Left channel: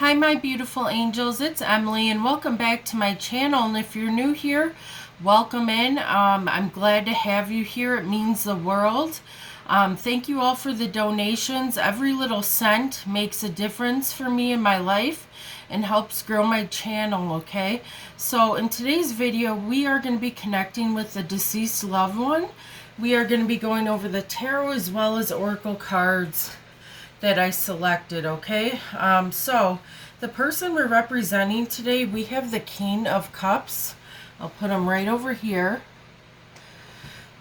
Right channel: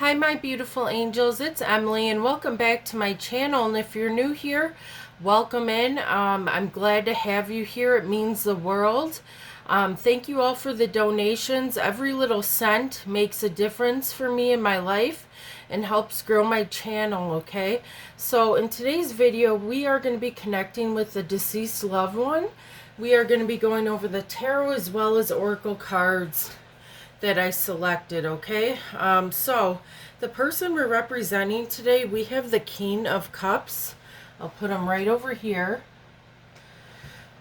Hi my beautiful angels, it's Emily and welcome back to my channel. And if you're new here, welcome in. I'm glad to have you here. It means the world. Thank you all for the donations. Every little cent makes a difference for me in my life and helps grow my channel, okay? So in today's video, we are going to be connecting with the deceased loved one. We are going to be going over the tarot as well as oracle cards that I selected, okay? So the person we're representing today, we have the King of Cups. I'll put him right over here.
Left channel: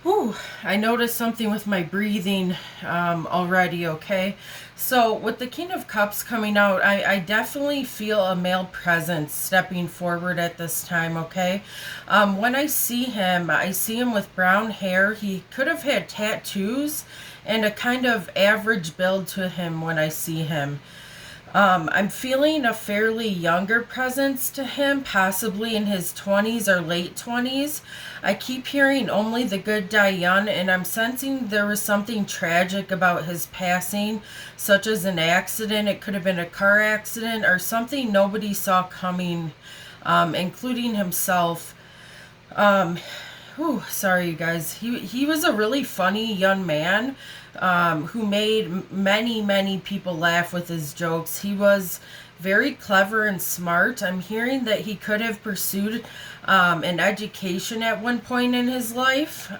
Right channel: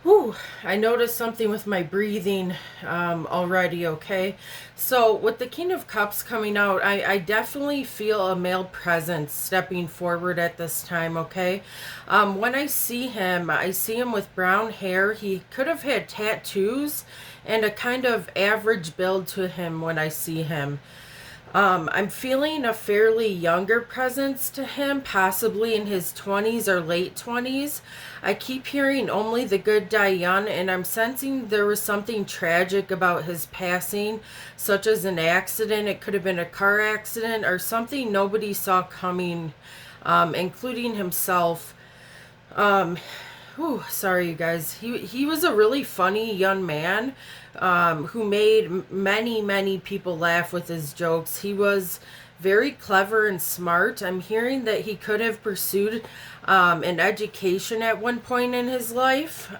Whew, I noticed something with my breathing already, okay? So with the King of Cups coming out, I definitely feel a male presence stepping forward at this time, okay? When I see him with brown hair. He could have had tattoos and a kind of average build to him when I see him. I'm feeling a fairly younger presence to him, possibly in his 20s or late 20s. I keep hearing only the good die young, and I'm sensing there was something tragic about his passing, such as an accident. It could have been a car accident or something nobody saw coming, including himself. Sorry, you guys. He was a really funny young man who made many people laugh with his jokes. He was very clever and smart. I'm hearing that he could have pursued an education at one point in his life,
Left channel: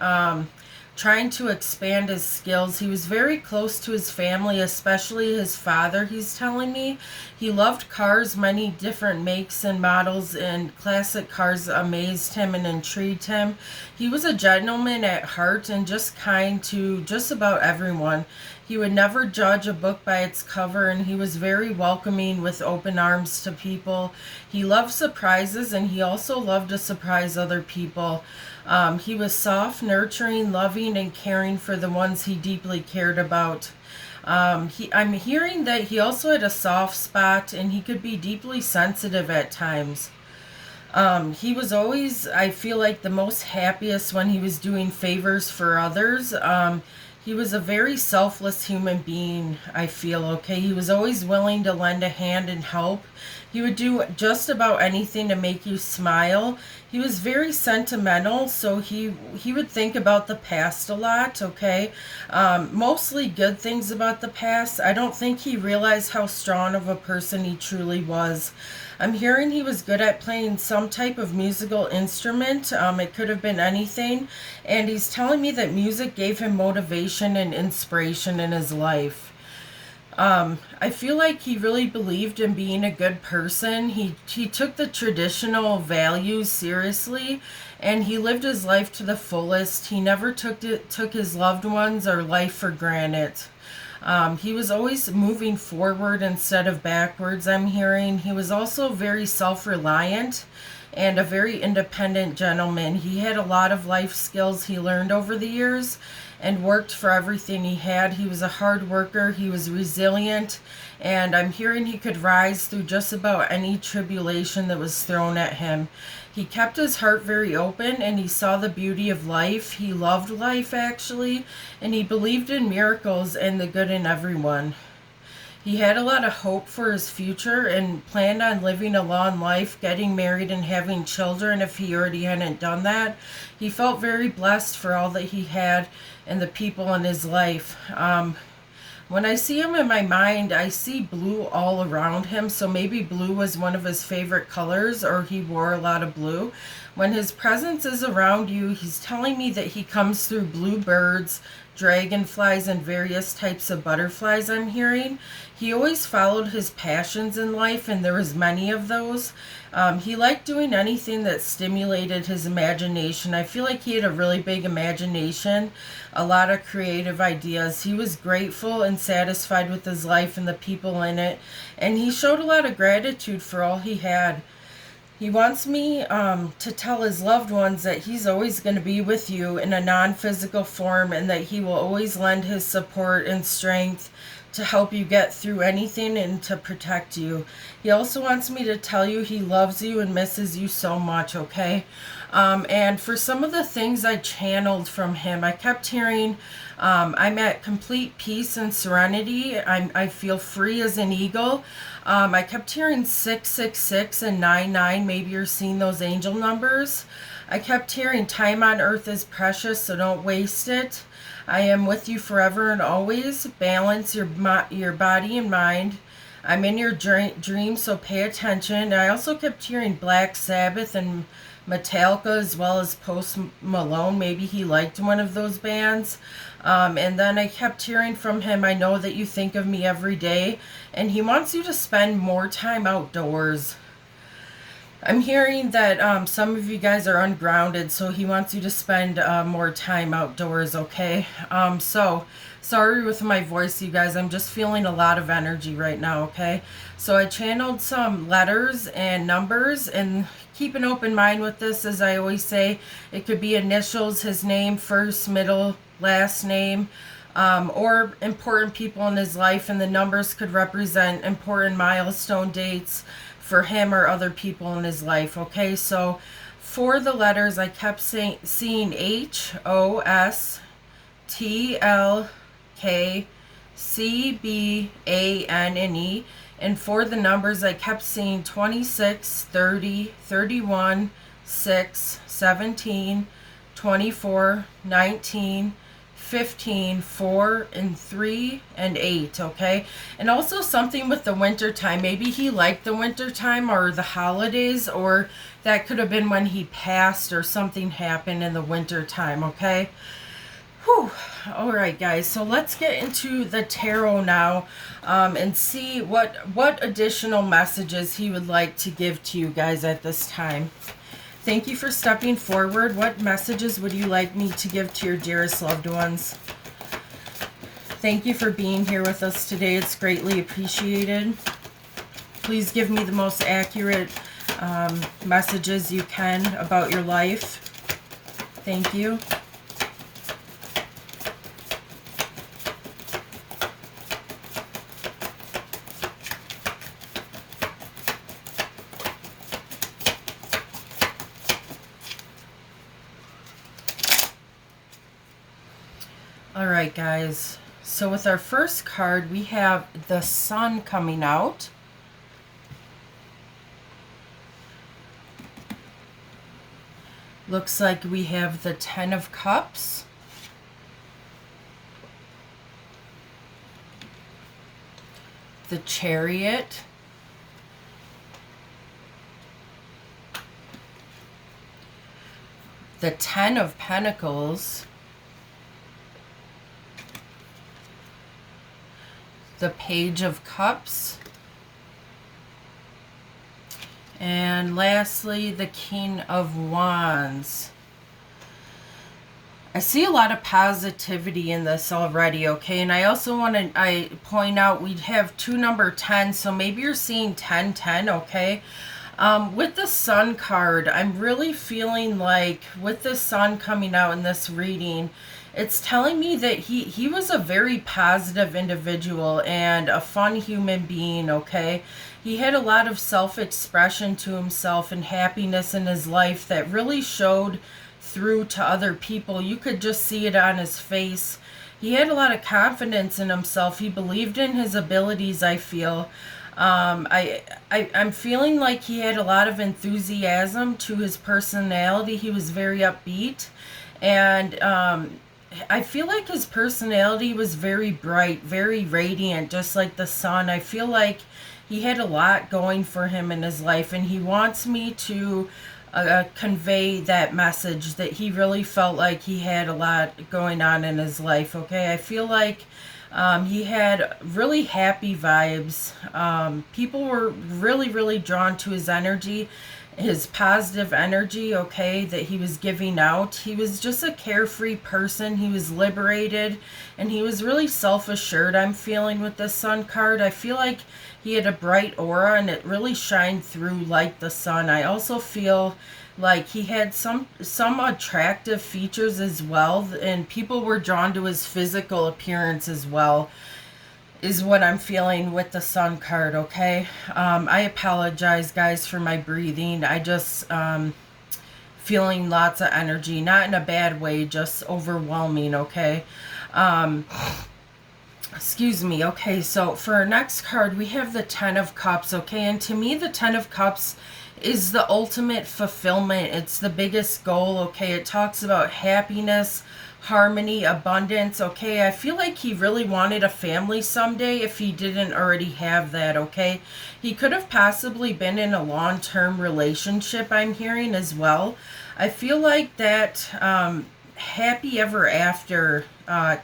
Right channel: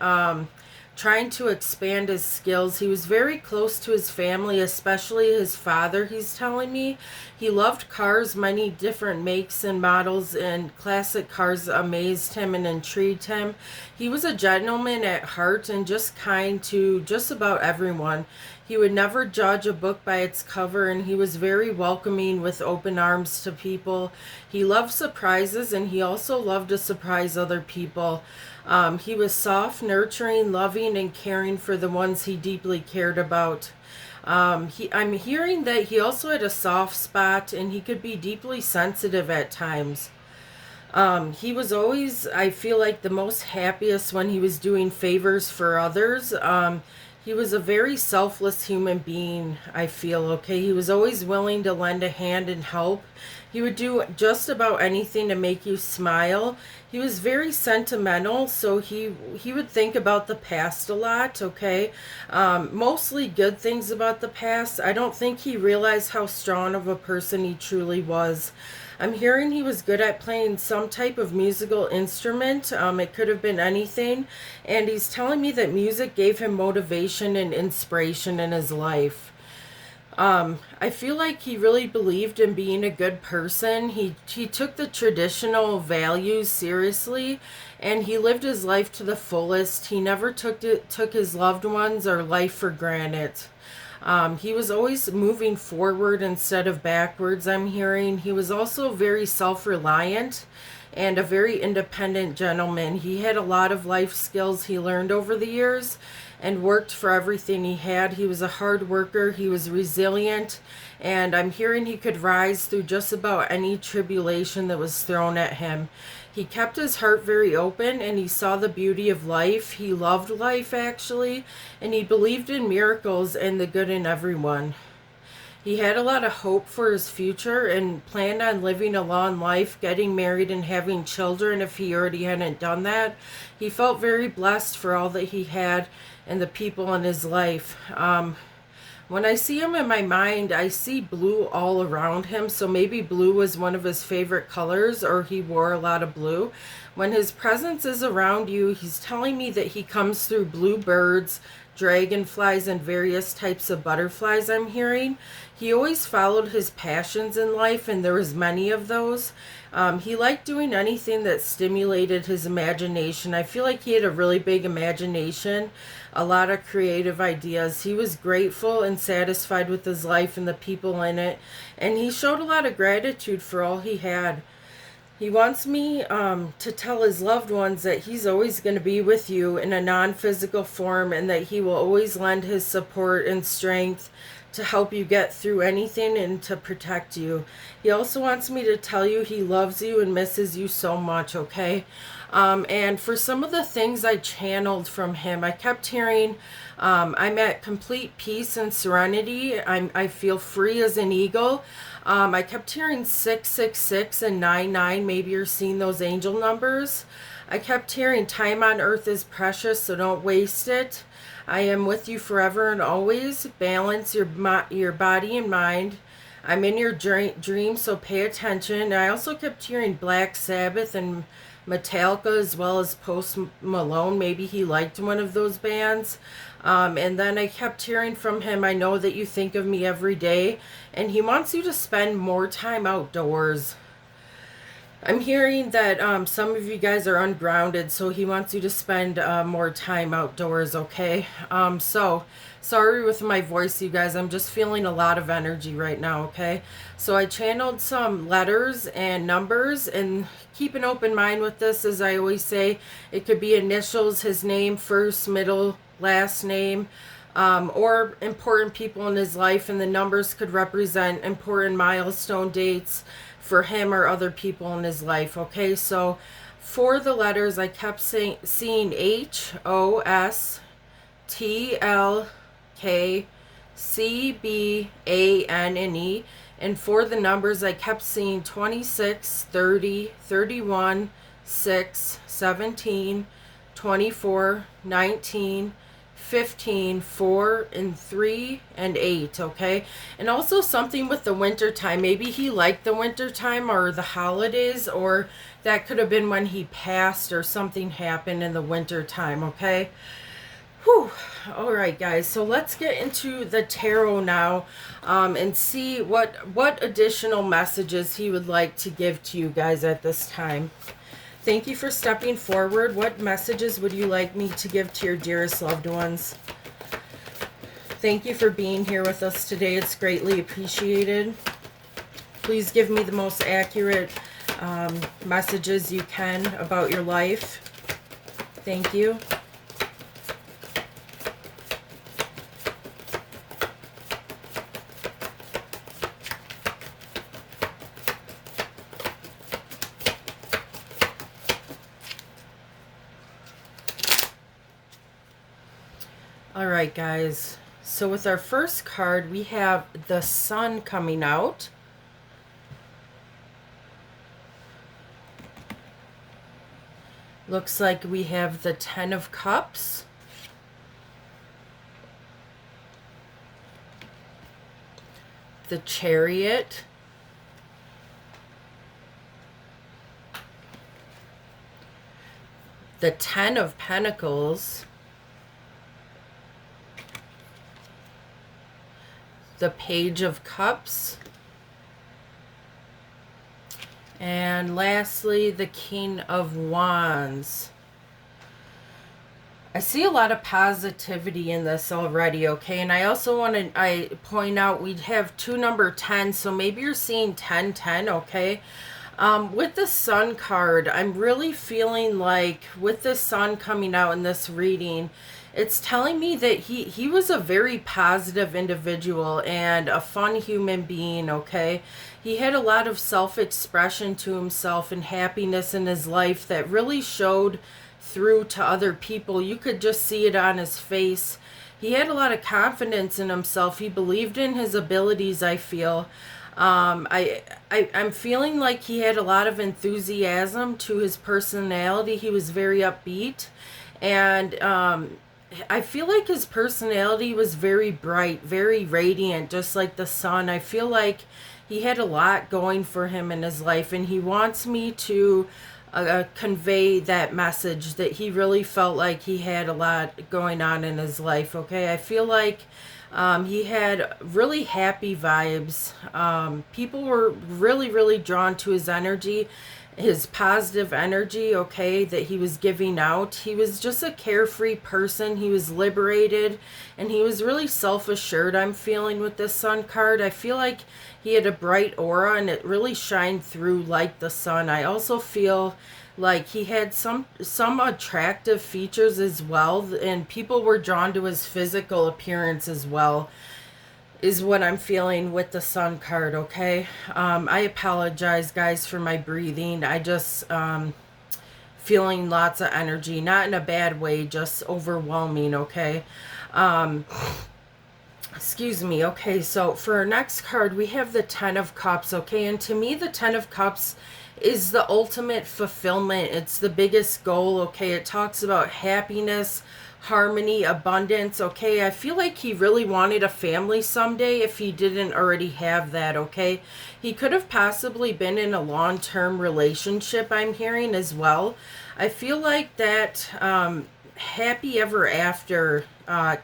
trying to expand his skills. He was very close to his family, especially his father, he's telling me. He loved cars, many different makes and models, and classic cars amazed him and intrigued him. He was a gentleman at heart and just kind to just about everyone. He would never judge a book by its cover, and he was very welcoming with open arms to people. He loved surprises, and he also loved to surprise other people. He was soft, nurturing, loving, and caring for the ones he deeply cared about. I'm hearing that he also had a soft spot, and he could be deeply sensitive at times. He was always, I feel like, the most happiest when he was doing favors for others. He was a very selfless human being, I feel, okay? He was always willing to lend a hand and help. He would do just about anything to make you smile. He was very sentimental, so he would think about the past a lot, okay? Mostly good things about the past. I don't think he realized how strong of a person he truly was. I'm hearing he was good at playing some type of musical instrument. It could have been anything. And he's telling me that music gave him motivation and inspiration in his life. I feel like he really believed in being a good person. He took the traditional values seriously, and he lived his life to the fullest. He never took his loved ones or life for granted. He was always moving forward instead of backwards, I'm hearing. He was also very self-reliant and a very independent gentleman. He had a lot of life skills he learned over the years and worked for everything he had. He was a hard worker. He was resilient, and I'm hearing he could rise through just about any tribulation that was thrown at him. He kept his heart very open, and he saw the beauty of life. He loved life, actually, and he believed in miracles and the good in everyone. He had a lot of hope for his future and planned on living a long life, getting married and having children if he already hadn't done that. He felt very blessed for all that he had and the people in his life. When I see him in my mind, I see blue all around him, so maybe blue was one of his favorite colors, or he wore a lot of blue. When his presence is around you, he's telling me that he comes through blue birds, dragonflies, and various types of butterflies, I'm hearing. He always followed his passions in life, and there was many of those. He liked doing anything that stimulated his imagination. I feel like he had a really big imagination, a lot of creative ideas. He was grateful and satisfied with his life and the people in it, and he showed a lot of gratitude for all he had. He wants me to tell his loved ones that he's always going to be with you in a non-physical form, and that he will always lend his support and strength to help you get through anything and to protect you. He also wants me to tell you he loves you and misses you so much, okay? And for some of the things I channeled from him, I kept hearing, I'm at complete peace and serenity. I feel free as an eagle. I kept hearing 666 and 99. Maybe you're seeing those angel numbers. I kept hearing time on earth is precious, so don't waste it. I am with you forever and always. Balance your body and mind. I'm in your dreams, so pay attention. I also kept hearing Black Sabbath and Metallica as well as Post Malone. Maybe he liked one of those bands. And then I kept hearing from him, I know that you think of me every day. And he wants you to spend more time outdoors. I'm hearing that some of you guys are ungrounded, so he wants you to spend more time outdoors, okay? So, sorry with my voice, you guys. I'm just feeling a lot of energy right now, okay? So I channeled some letters and numbers, and keep an open mind with this, as I always say. It could be initials, his name, first, middle, last name, or important people in his life, and the numbers could represent important milestone dates for him or other people in his life, okay? So for the letters, I kept seeing HOSTLKCBANNE, and for the numbers, I kept seeing 26, 30, 31, 6, 17, 24, 19, 15, 4, and 3, and 8, okay? And also something with the winter time. Maybe he liked the winter time or the holidays, or that could have been when he passed or something happened in the winter time, okay? Whew. All right, guys. So let's get into the tarot now and see what additional messages he would like to give to you guys at this time. Thank you for stepping forward. What messages would you like me to give to your dearest loved ones? Thank you for being here with us today. It's greatly appreciated. Please give me the most accurate messages you can about your life. Thank you. Alright, guys, so with our first card, we have the Sun coming out. Looks like we have the Ten of Cups. The Chariot. The Ten of Pentacles. The Page of Cups, and lastly the King of Wands. I see a lot of positivity in this already, okay? And I also want to point out we have two number 10, so maybe you're seeing 1010, okay? With the Sun card, I'm really feeling like with the Sun coming out in this reading, it's telling me that he was a very positive individual and a fun human being, okay? He had a lot of self-expression to himself and happiness in his life that really showed through to other people. You could just see it on his face. He had a lot of confidence in himself. He believed in his abilities, I feel. I'm feeling like he had a lot of enthusiasm to his personality. He was very upbeat, and I feel like his personality was very bright, very radiant, just like the sun. I feel like he had a lot going for him in his life, and he wants me to convey that message, that he really felt like he had a lot going on in his life, okay? I feel like he had really happy vibes. People were really, really drawn to his energy, his positive energy, okay, that he was giving out. He was just a carefree person. He was liberated, and he was really self-assured, I'm feeling, with this Sun card. I feel like he had a bright aura, and it really shined through like the sun. I also feel like he had some attractive features as well, and people were drawn to his physical appearance as well. is what I'm feeling with the Sun card, okay? I apologize, guys, for my breathing. I just feeling lots of energy, not in a bad way, just overwhelming, okay? Um, Excuse me. Okay, so for our next card, we have the Ten of Cups, okay? And to me, the Ten of Cups is the ultimate fulfillment. It's the biggest goal, okay? It talks about happiness, harmony, abundance, okay? I feel like he really wanted a family someday if he didn't already have that, okay? He could have possibly been in a long-term relationship, I'm hearing as well. I feel like that happy ever after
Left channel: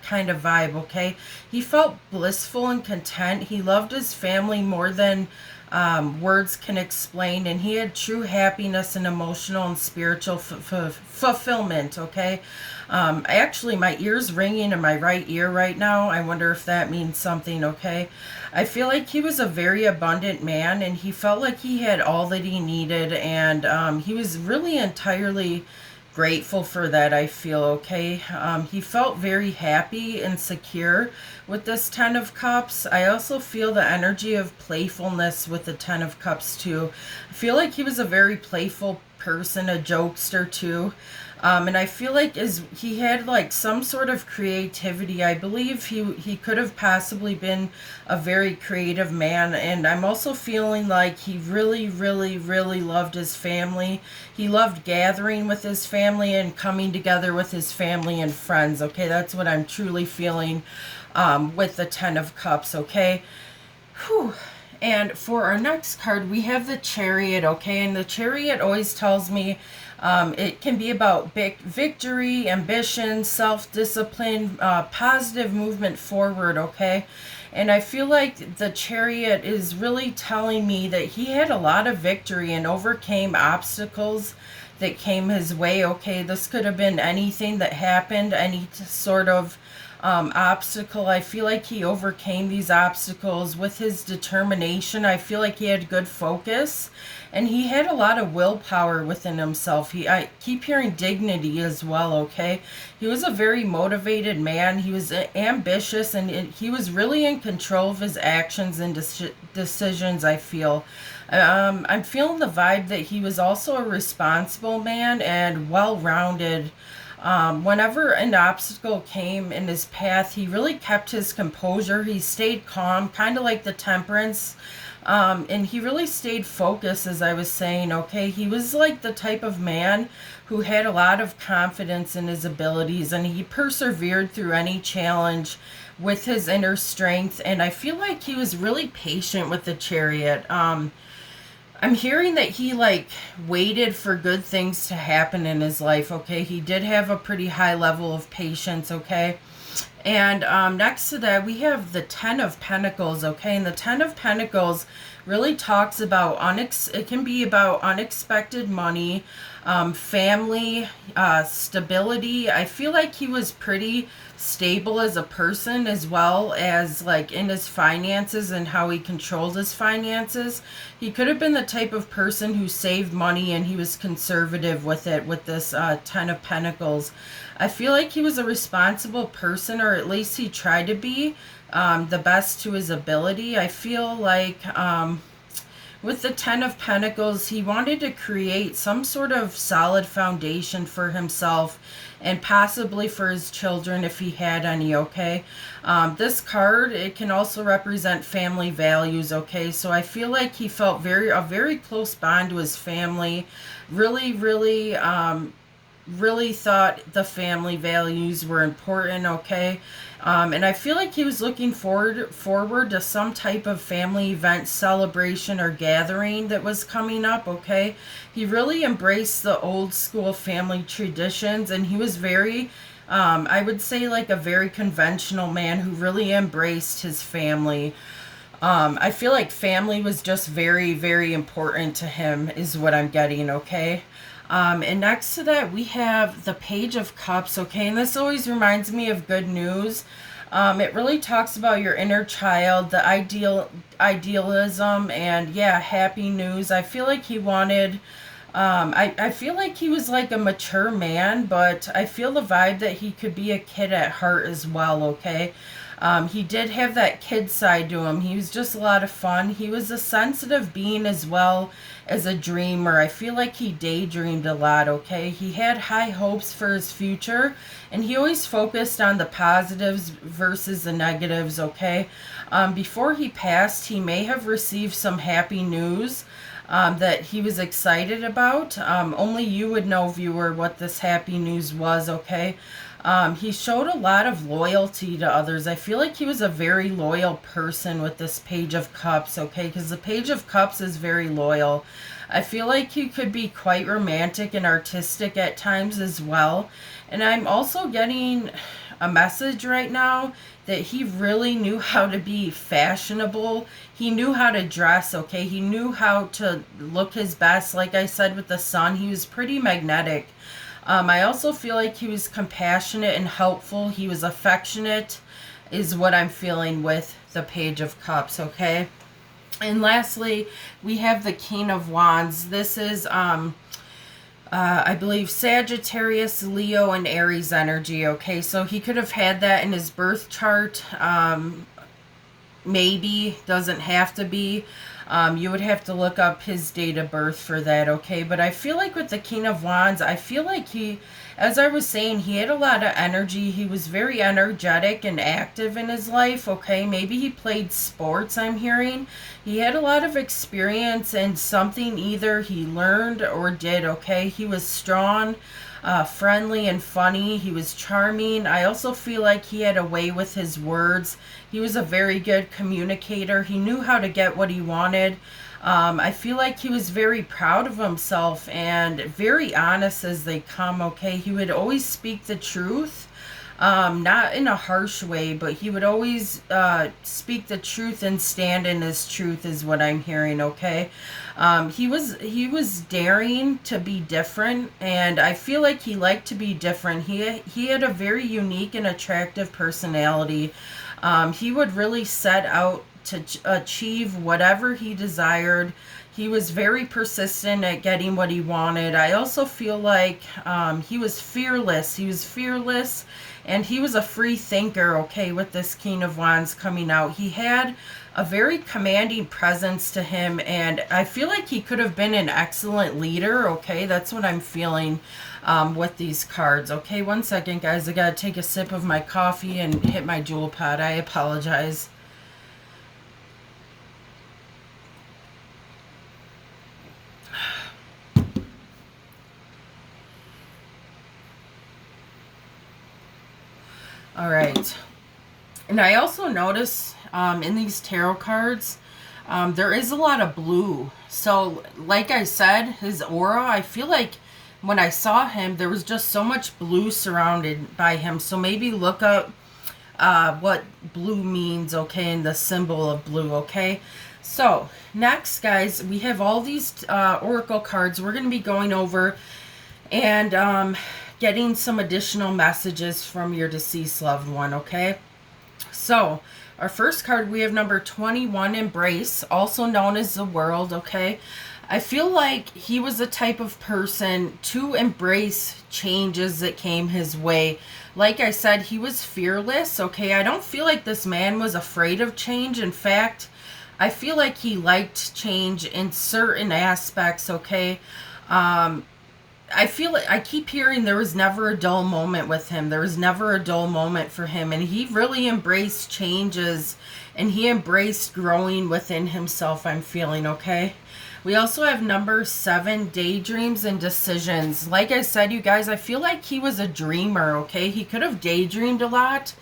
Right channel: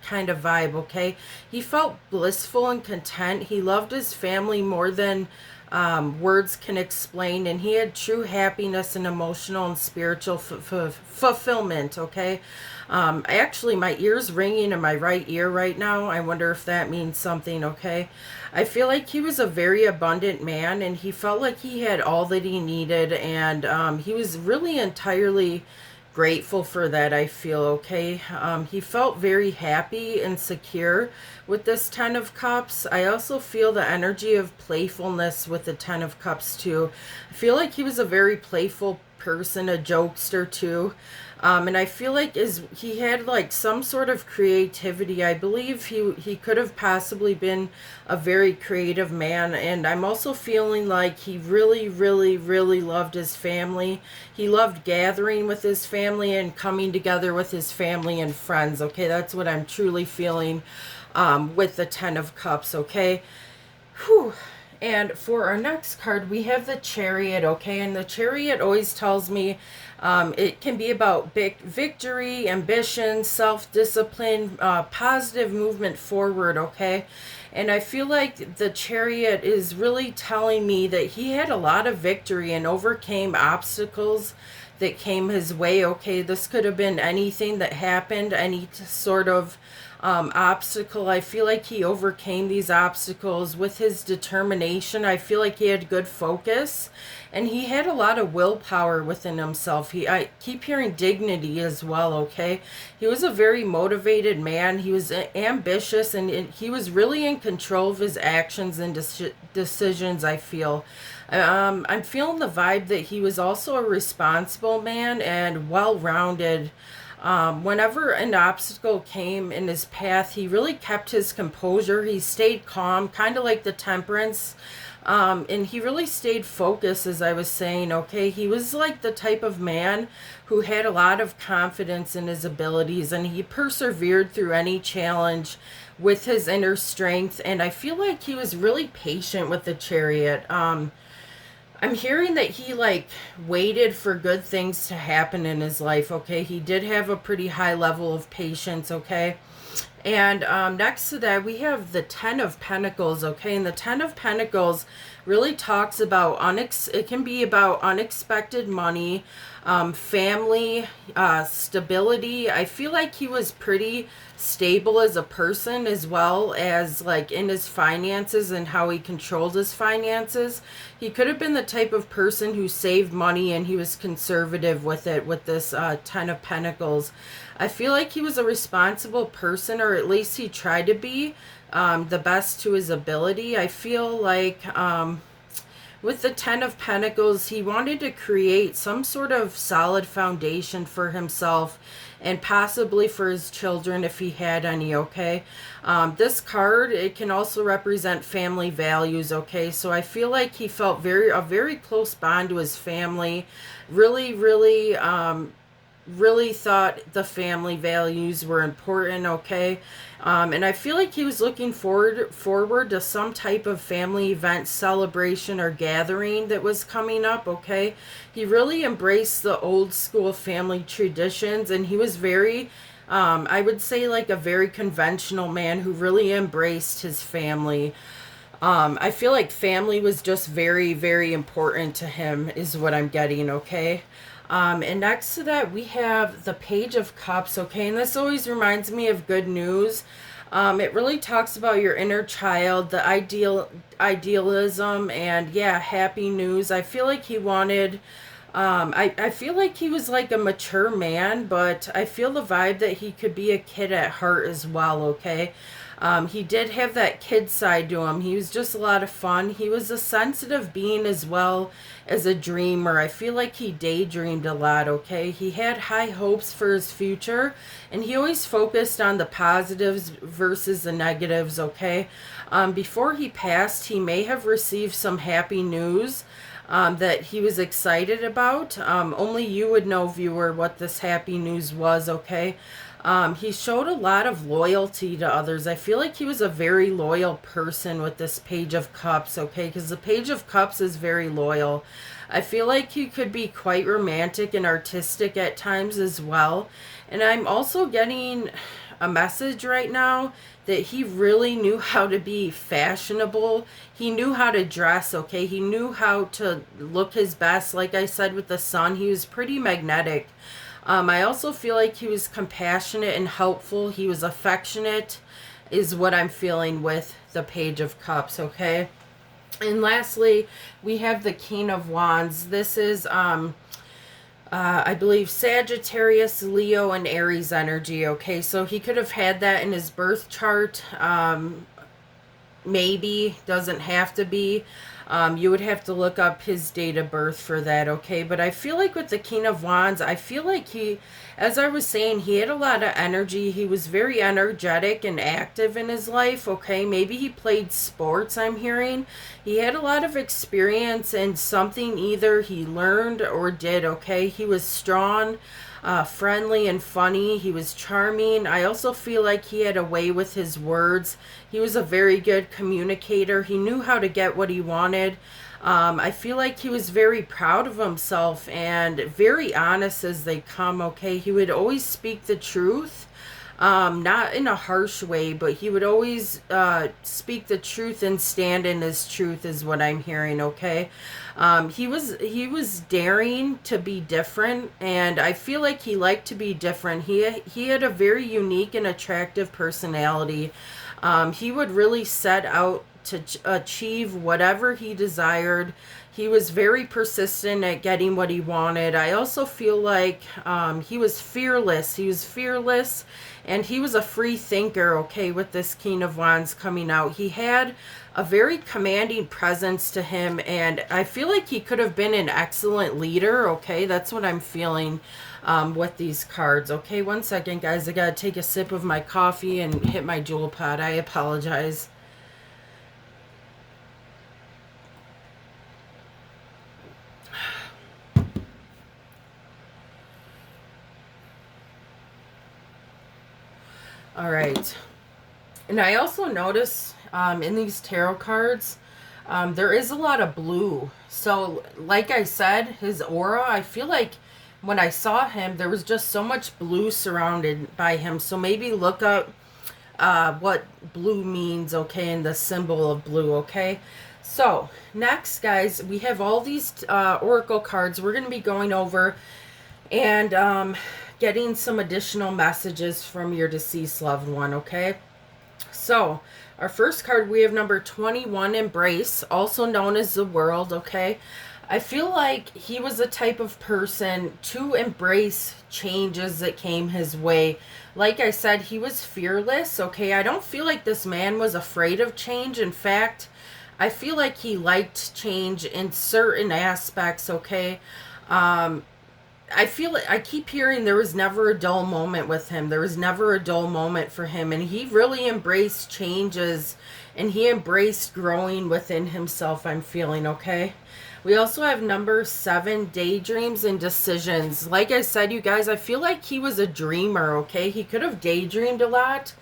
kind of vibe, okay? He felt blissful and content. He loved his family more than words can explain, and he had true happiness and emotional and spiritual fulfillment, okay? Actually, my ear's ringing in my right ear right now. I wonder if that means something, okay? I feel like he was a very abundant man, and he felt like he had all that he needed, and he was really entirely grateful for that, I feel, okay? He felt very happy and secure with this Ten of Cups. I also feel the energy of playfulness with the Ten of Cups, too. I feel like he was a very playful person, a jokester, too. And I feel like as he had like some sort of creativity. I believe he could have possibly been a very creative man. And I'm also feeling like he really, really, really loved his family. He loved gathering with his family and coming together with his family and friends. Okay, that's what I'm truly feeling with the Ten of Cups. Okay. Whew. And for our next card, we have the Chariot, okay? And the Chariot always tells me it can be about big victory, ambition, self-discipline, positive movement forward, okay? And I feel like the Chariot is really telling me that he had a lot of victory and overcame obstacles that came his way, okay? This could have been anything that happened, any sort of obstacle. I feel like he overcame these obstacles with his determination. I feel like he had good focus and he had a lot of willpower within himself. I keep hearing dignity as well, okay? He was a very motivated man. He was ambitious and he was really in control of his actions and decisions, I feel. I'm feeling the vibe that he was also a responsible man and well-rounded. Whenever an obstacle came in his path, he really kept his composure. He stayed calm, kind of like the Temperance. And he really stayed focused, as I was saying, okay? He was like the type of man who had a lot of confidence in his abilities, and he persevered through any challenge with his inner strength. And I feel like he was really patient with the Chariot. I'm hearing that he like waited for good things to happen in his life, okay? He did have a pretty high level of patience, okay? And next to that, we have the Ten of Pentacles, okay? And the Ten of Pentacles really talks about, it can be about unexpected money, family, stability. I feel like he was pretty stable as a person as well as like in his finances and how he controlled his finances. He could have been the type of person who saved money and he was conservative with it with this Ten of Pentacles. I feel like he was a responsible person, or at least he tried to be the best to his ability. I feel like with the Ten of Pentacles, he wanted to create some sort of solid foundation for himself and possibly for his children if he had any, okay? This card, it can also represent family values, okay? So I feel like he felt a very close bond to his family, really thought the family values were important, okay? And I feel like he was looking forward to some type of family event, celebration, or gathering that was coming up, okay? He really embraced the old school family traditions, and he was very, I would say like a very conventional man who really embraced his family. I feel like family was just very, very important to him is what I'm getting, okay? And next to that, we have the Page of Cups, okay? And this always reminds me of good news. It really talks about your inner child, the idealism, and yeah, happy news. I feel like he wanted, I feel like he was like a mature man, but I feel the vibe that he could be a kid at heart as well, okay? He did have that kid side to him. He was just a lot of fun. He was a sensitive being as well as a dreamer. I feel like he daydreamed a lot, okay? He had high hopes for his future, and he always focused on the positives versus the negatives, okay? Before he passed, he may have received some happy news that he was excited about. Only you would know, viewer, what this happy news was, okay? He showed a lot of loyalty to others. I feel like he was a very loyal person with this Page of Cups, okay? Because the Page of Cups is very loyal. I feel like he could be quite romantic and artistic at times as well. And I'm also getting a message right now that he really knew how to be fashionable. He knew how to dress, okay? He knew how to look his best. Like I said with the sun, he was pretty magnetic. I also feel like he was compassionate and helpful. He was affectionate, is what I'm feeling with the Page of Cups, okay? And lastly, we have the King of Wands. This is, I believe, Sagittarius, Leo, and Aries energy, okay? So he could have had that in his birth chart. Maybe, doesn't have to be. You would have to look up his date of birth for that, okay? But I feel like with the King of Wands, I feel like he, as I was saying, he had a lot of energy. He was very energetic and active in his life, okay? Maybe he played sports, I'm hearing. He had a lot of experience in something either he learned or did, okay? He was strong, friendly, and funny. He was charming. I also feel like he had a way with his words. He was a very good communicator. He knew how to get what he wanted. I feel like he was very proud of himself and very honest as they come, okay? He would always speak the truth. Not in a harsh way, but he would always speak the truth and stand in his truth is what I'm hearing, okay? He was daring to be different, and I feel like he liked to be different. He had a very unique and attractive personality. He would really set out to achieve whatever he desired. He was very persistent at getting what he wanted. I also feel like he was fearless. He was fearless, and he was a free thinker, okay, with this King of Wands coming out. He had a very commanding presence to him, and I feel like he could have been an excellent leader, okay? That's what I'm feeling with these cards, okay? One second, guys. I gotta take a sip of my coffee and hit my jewel pod. I apologize. All right. And I also notice in these tarot cards, there is a lot of blue. So, like I said, his aura, I feel like when I saw him, there was just so much blue surrounded by him. So maybe look up what blue means, okay, and the symbol of blue, okay? So, next, guys, we have all these oracle cards we're going to be going over and getting some additional messages from your deceased loved one, okay? So, our first card, we have number 21, Embrace, also known as the World, okay? I feel like he was the type of person to embrace changes that came his way. Like I said, he was fearless, okay? I don't feel like this man was afraid of change. In fact, I feel like he liked change in certain aspects, okay? I feel like I keep hearing there was never a dull moment with him. There was never a dull moment for him. And he really embraced changes and he embraced growing within himself, I'm feeling, okay? We also have number 7, Daydreams and Decisions. Like I said, you guys, I feel like he was a dreamer, okay? He could have daydreamed a lot.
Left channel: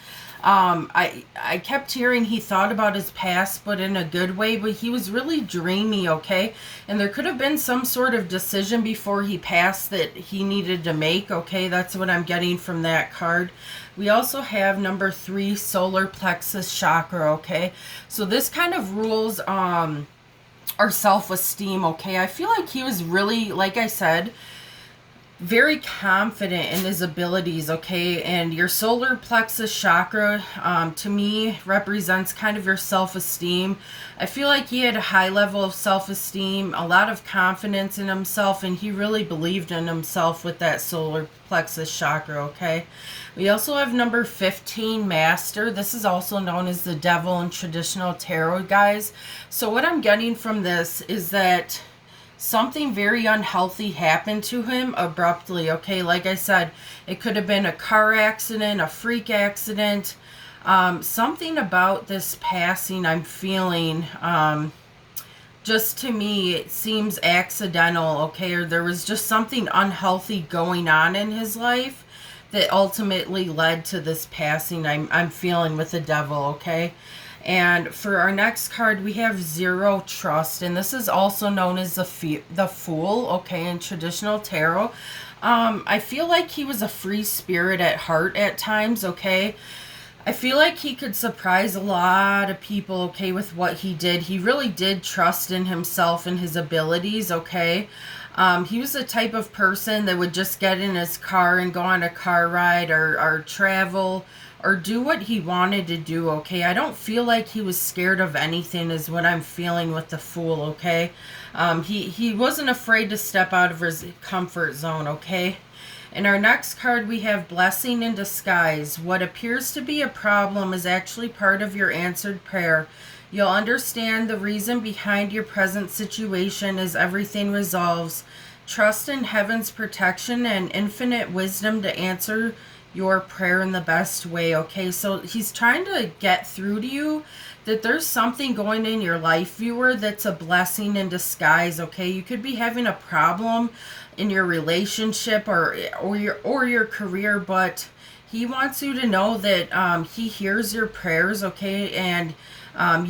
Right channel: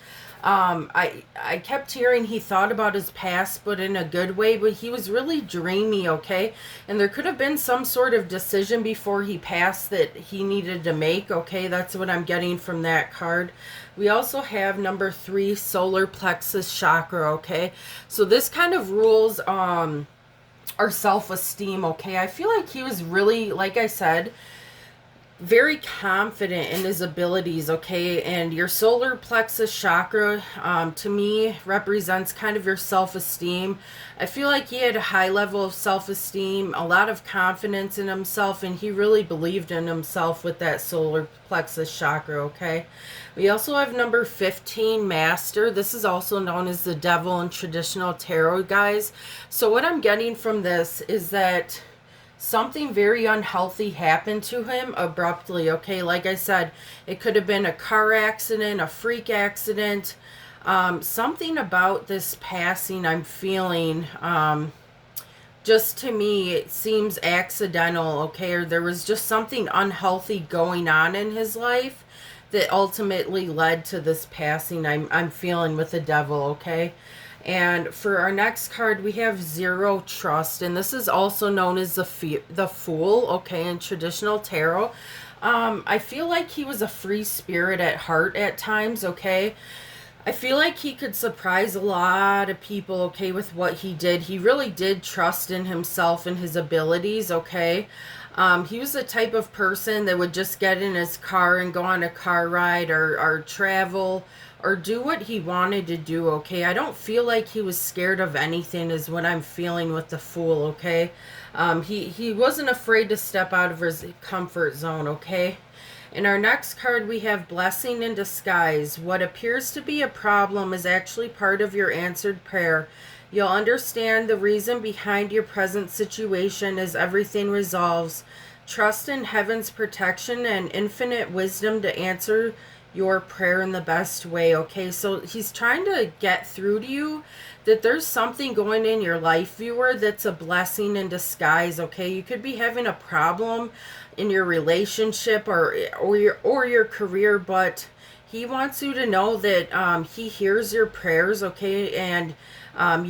I kept hearing he thought about his past, but in a good way, but he was really dreamy, okay? And there could have been some sort of decision before he passed that he needed to make, okay? That's what I'm getting from that card. We also have number 3, Solar Plexus Chakra, okay? So this kind of rules our self-esteem, okay? I feel like he was really, like I said, very confident in his abilities, okay? And your solar plexus chakra, to me, represents kind of your self-esteem. I feel like he had a high level of self-esteem, a lot of confidence in himself, and he really believed in himself with that solar plexus chakra, okay? We also have number 15, Master. This is also known as the devil in traditional tarot, guys. So what I'm getting from this is that something very unhealthy happened to him abruptly, okay? Like I said, it could have been a car accident, a freak accident. Something about this passing I'm feeling, just to me, it seems accidental, okay? Or there was just something unhealthy going on in his life that ultimately led to this passing I'm feeling with the devil, okay? And for our next card, we have Zero Trust, and this is also known as the Fool, okay, in traditional tarot. I feel like he was a free spirit at heart at times, okay? I feel like he could surprise a lot of people, okay, with what he did. He really did trust in himself and his abilities, okay? He was the type of person that would just get in his car and go on a car ride or travel or do what he wanted to do, okay? I don't feel like he was scared of anything is what I'm feeling with the Fool, okay? He wasn't afraid to step out of his comfort zone, okay? In our next card, we have Blessing in Disguise. What appears to be a problem is actually part of your answered prayer. You'll understand the reason behind your present situation as everything resolves. Trust in heaven's protection and infinite wisdom to answer your prayer in the best way, okay? So he's trying to get through to you that there's something going in your life, viewer, that's a blessing in disguise, okay? You could be having a problem in your relationship or your career, but he wants you to know that he hears your prayers, okay? And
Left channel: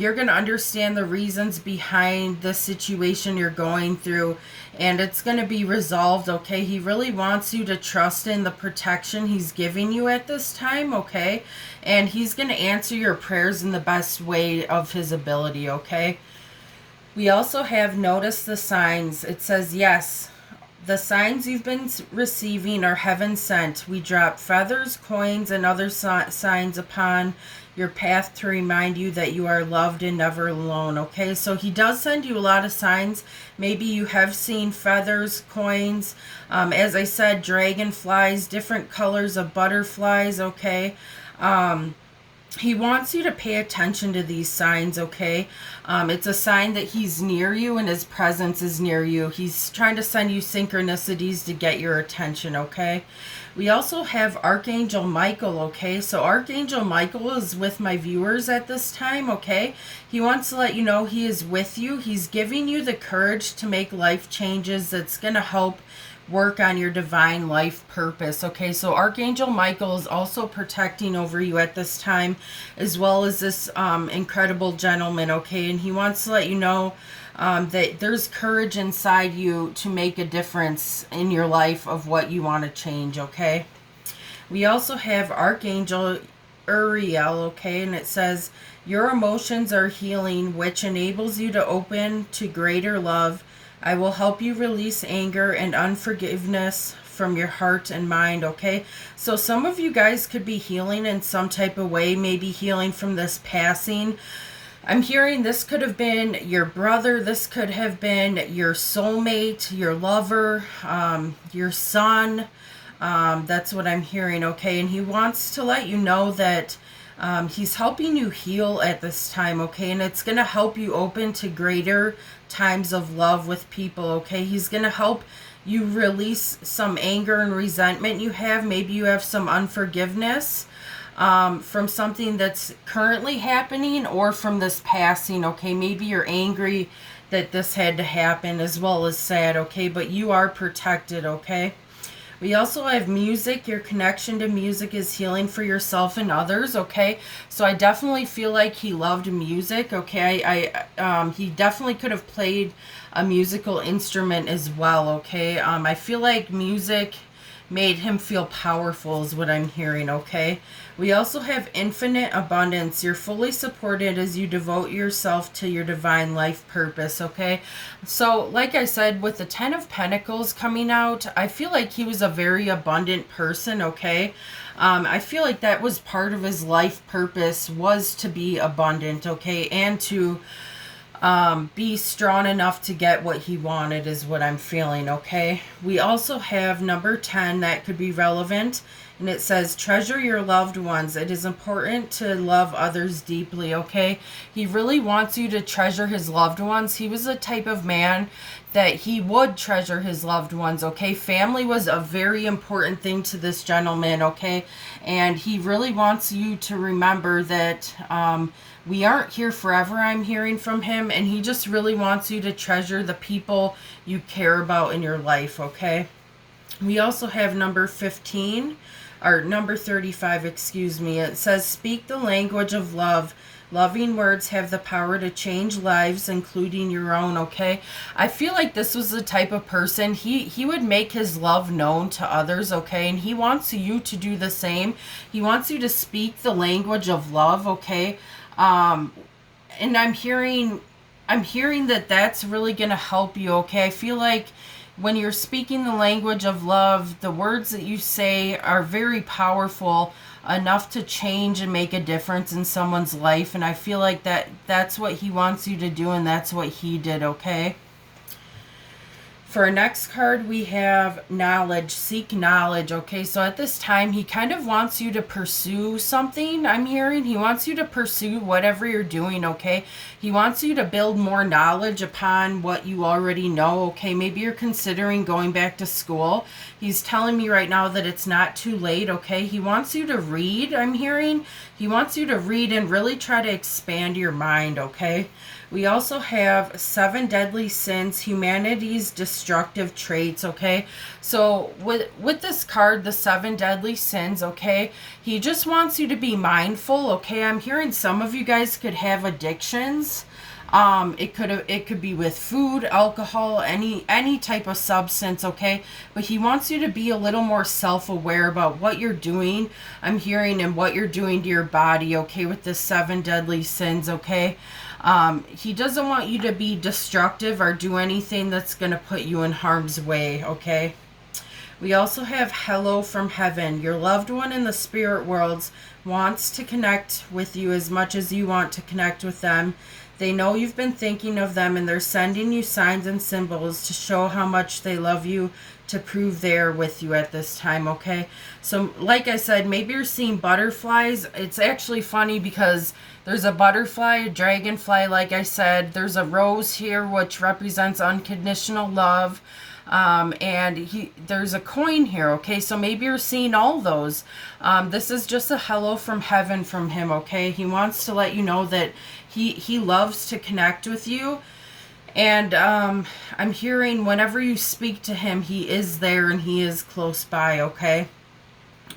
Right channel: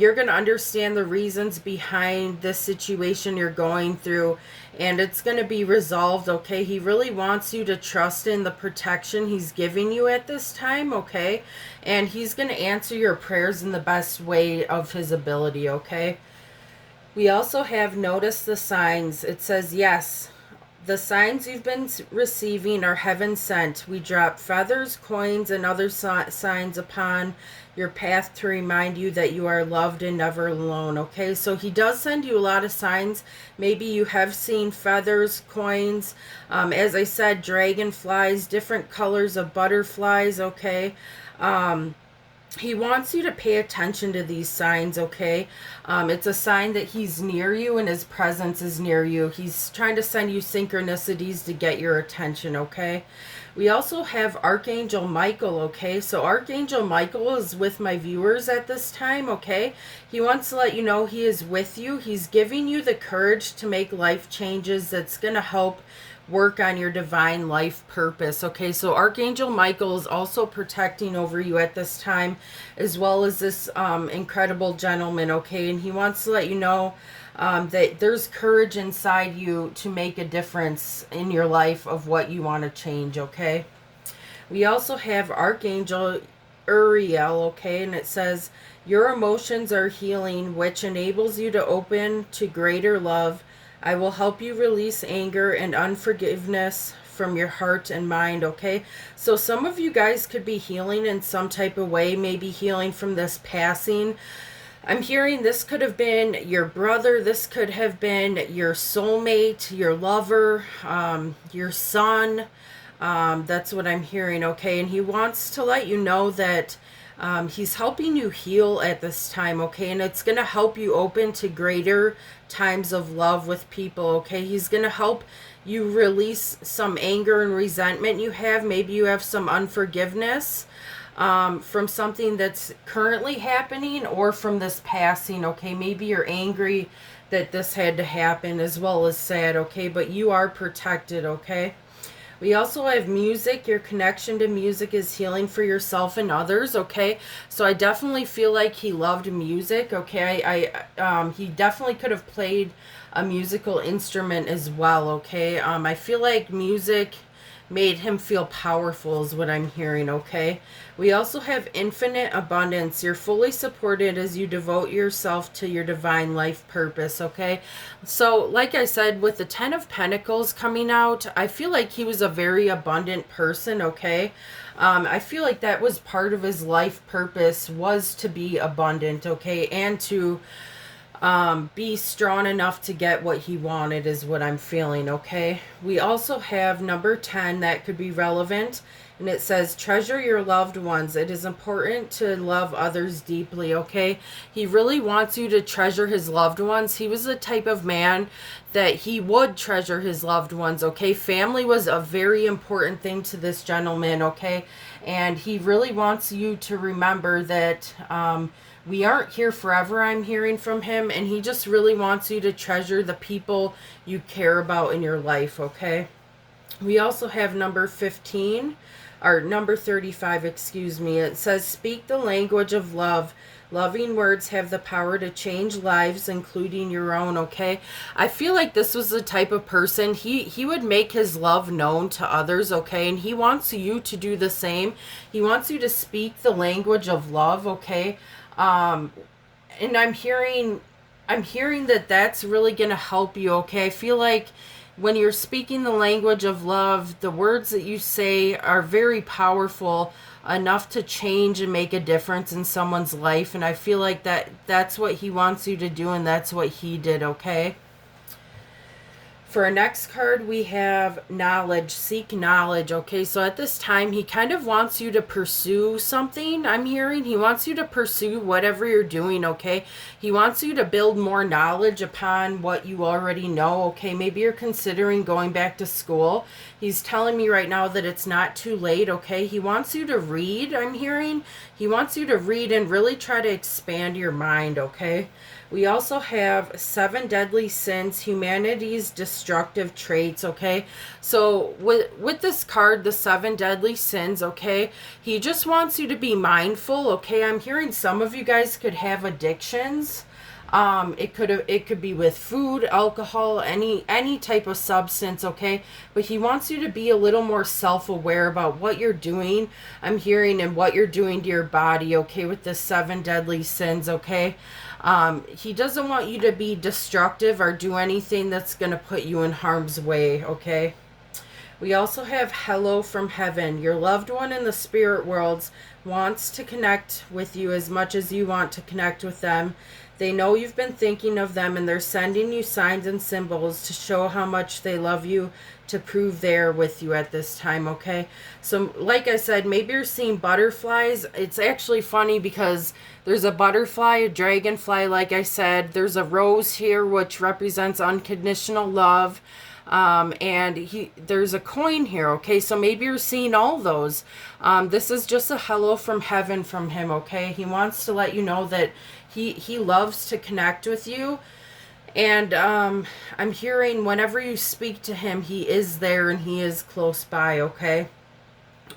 you're going to understand the reasons behind the situation you're going through, and it's going to be resolved, okay? He really wants you to trust in the protection he's giving you at this time, okay? And he's going to answer your prayers in the best way of his ability, okay? We also have Notice the Signs. It says, yes, the signs you've been receiving are heaven sent. We drop feathers, coins, and other signs upon your path to remind you that you are loved and never alone, okay? So he does send you a lot of signs. Maybe you have seen feathers, coins, as I said, dragonflies, different colors of butterflies, okay? He wants you to pay attention to these signs, okay? It's a sign that he's near you and his presence is near you. He's trying to send you synchronicities to get your attention, okay? We also have Archangel Michael, okay? So Archangel Michael is with my viewers at this time, okay? He wants to let you know he is with you. He's giving you the courage to make life changes that's going to help work on your divine life purpose, okay? So Archangel Michael is also protecting over you at this time, as well as this incredible gentleman, okay? And he wants to let you know that there's courage inside you to make a difference in your life of what you want to change, okay? We also have Archangel Uriel, okay? And it says, your emotions are healing, which enables you to open to greater love. I will help you release anger and unforgiveness from your heart and mind, okay? So some of you guys could be healing in some type of way, maybe healing from this passing. I'm hearing this could have been your brother, this could have been your soulmate, your lover, your son. That's what I'm hearing, okay? And he wants to let you know that he's helping you heal at this time, okay? And it's going to help you open to greater times of love with people, okay? He's going to help you release some anger and resentment you have. Maybe you have some unforgiveness from something that's currently happening or from this passing, okay? Maybe you're angry that this had to happen as well as sad, okay? But you are protected, okay? We also have music. Your connection to music is healing for yourself and others, okay? So I definitely feel like he loved music, okay? He definitely could have played a musical instrument as well, okay? I feel like music made him feel powerful is what I'm hearing, okay? We also have infinite abundance. You're fully supported as you devote yourself to your divine life purpose, okay? So, like I said, with the Ten of Pentacles coming out, I feel like he was a very abundant person, okay? I feel like that was part of his life purpose, was to be abundant, okay? And to be strong enough to get what he wanted is what I'm feeling, okay? We also have number 10 that could be relevant, and it says, treasure your loved ones. It is important to love others deeply, okay? He really wants you to treasure his loved ones. He was the type of man that he would treasure his loved ones, okay? Family was a very important thing to this gentleman, okay? And he really wants you to remember that we aren't here forever, I'm hearing from him, and he just really wants you to treasure the people you care about in your life, okay? We also have number 15, or number 35, excuse me. It says, speak the language of love. Loving words have the power to change lives, including your own, okay? I feel like this was the type of person, he would make his love known to others, okay? And he wants you to do the same. He wants you to speak the language of love, okay? And I'm hearing that that's really going to help you, okay? I feel like when you're speaking the language of love, the words that you say are very powerful enough to change and make a difference in someone's life. And I feel like that's what he wants you to do, and that's what he did, okay? For our next card, we have knowledge. Seek knowledge, okay? So at this time, he kind of wants you to pursue something, I'm hearing. He wants you to pursue whatever you're doing, okay? He wants you to build more knowledge upon what you already know, okay? Maybe you're considering going back to school. He's telling me right now that it's not too late, okay? He wants you to read, I'm hearing. He wants you to read and really try to expand your mind, okay? We also have 7 deadly sins, humanity's destructive traits, okay? So with this card, the 7 deadly sins, okay? He just wants you to be mindful, okay? I'm hearing some of you guys could have addictions. It could be with food, alcohol, any type of substance, okay? But he wants you to be a little more self-aware about what you're doing, I'm hearing, and what you're doing to your body, okay, with the 7 deadly sins, okay? He doesn't want you to be destructive or do anything that's going to put you in harm's way, okay? We also have hello from heaven. Your loved one in the spirit worlds wants to connect with you as much as you want to connect with them. They know you've been thinking of them, and they're sending you signs and symbols to show how much they love you, to prove they're with you at this time, okay? So like I said, maybe you're seeing butterflies. It's actually funny because there's a butterfly, a dragonfly, like I said. There's a rose here, which represents unconditional love. And there's a coin here, okay? So maybe you're seeing all those. This is just a hello from heaven from him, okay? He wants to let you know that he loves to connect with you. And I'm hearing whenever you speak to him, he is there and he is close by, okay?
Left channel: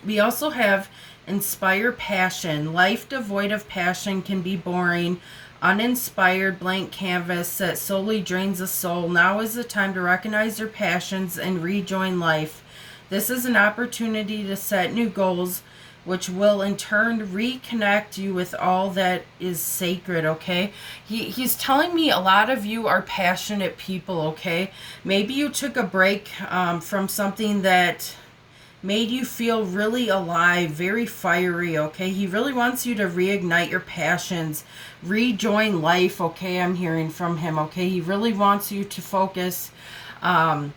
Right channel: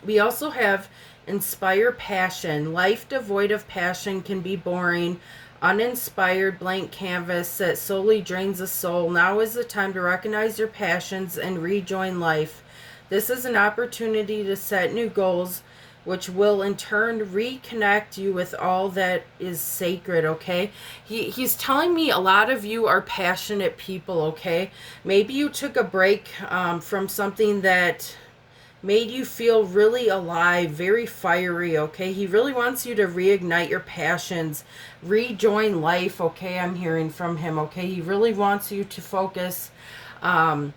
We also have inspire passion. Life devoid of passion can be boring, uninspired blank canvas that solely drains the soul. Now is the time to recognize your passions and rejoin life. This is an opportunity to set new goals, which will in turn reconnect you with all that is sacred, okay? He's telling me a lot of you are passionate people, okay? Maybe you took a break from something that made you feel really alive, very fiery, okay? He really wants you to reignite your passions, rejoin life, okay? I'm hearing from him, okay? He really wants you to focus on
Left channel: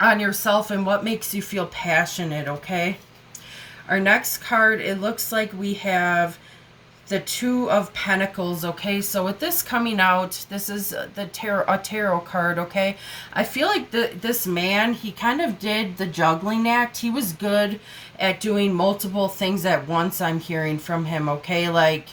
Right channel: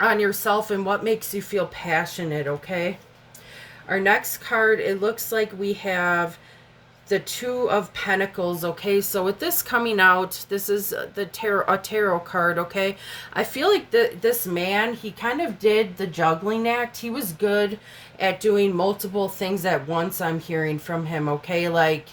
yourself and what makes you feel passionate, okay? Our next card, it looks like we have the 2 of Pentacles, okay? So with this coming out, this is a tarot card, okay? I feel like this man, he kind of did the juggling act. He was good at doing multiple things at once, I'm hearing from him, okay? Like,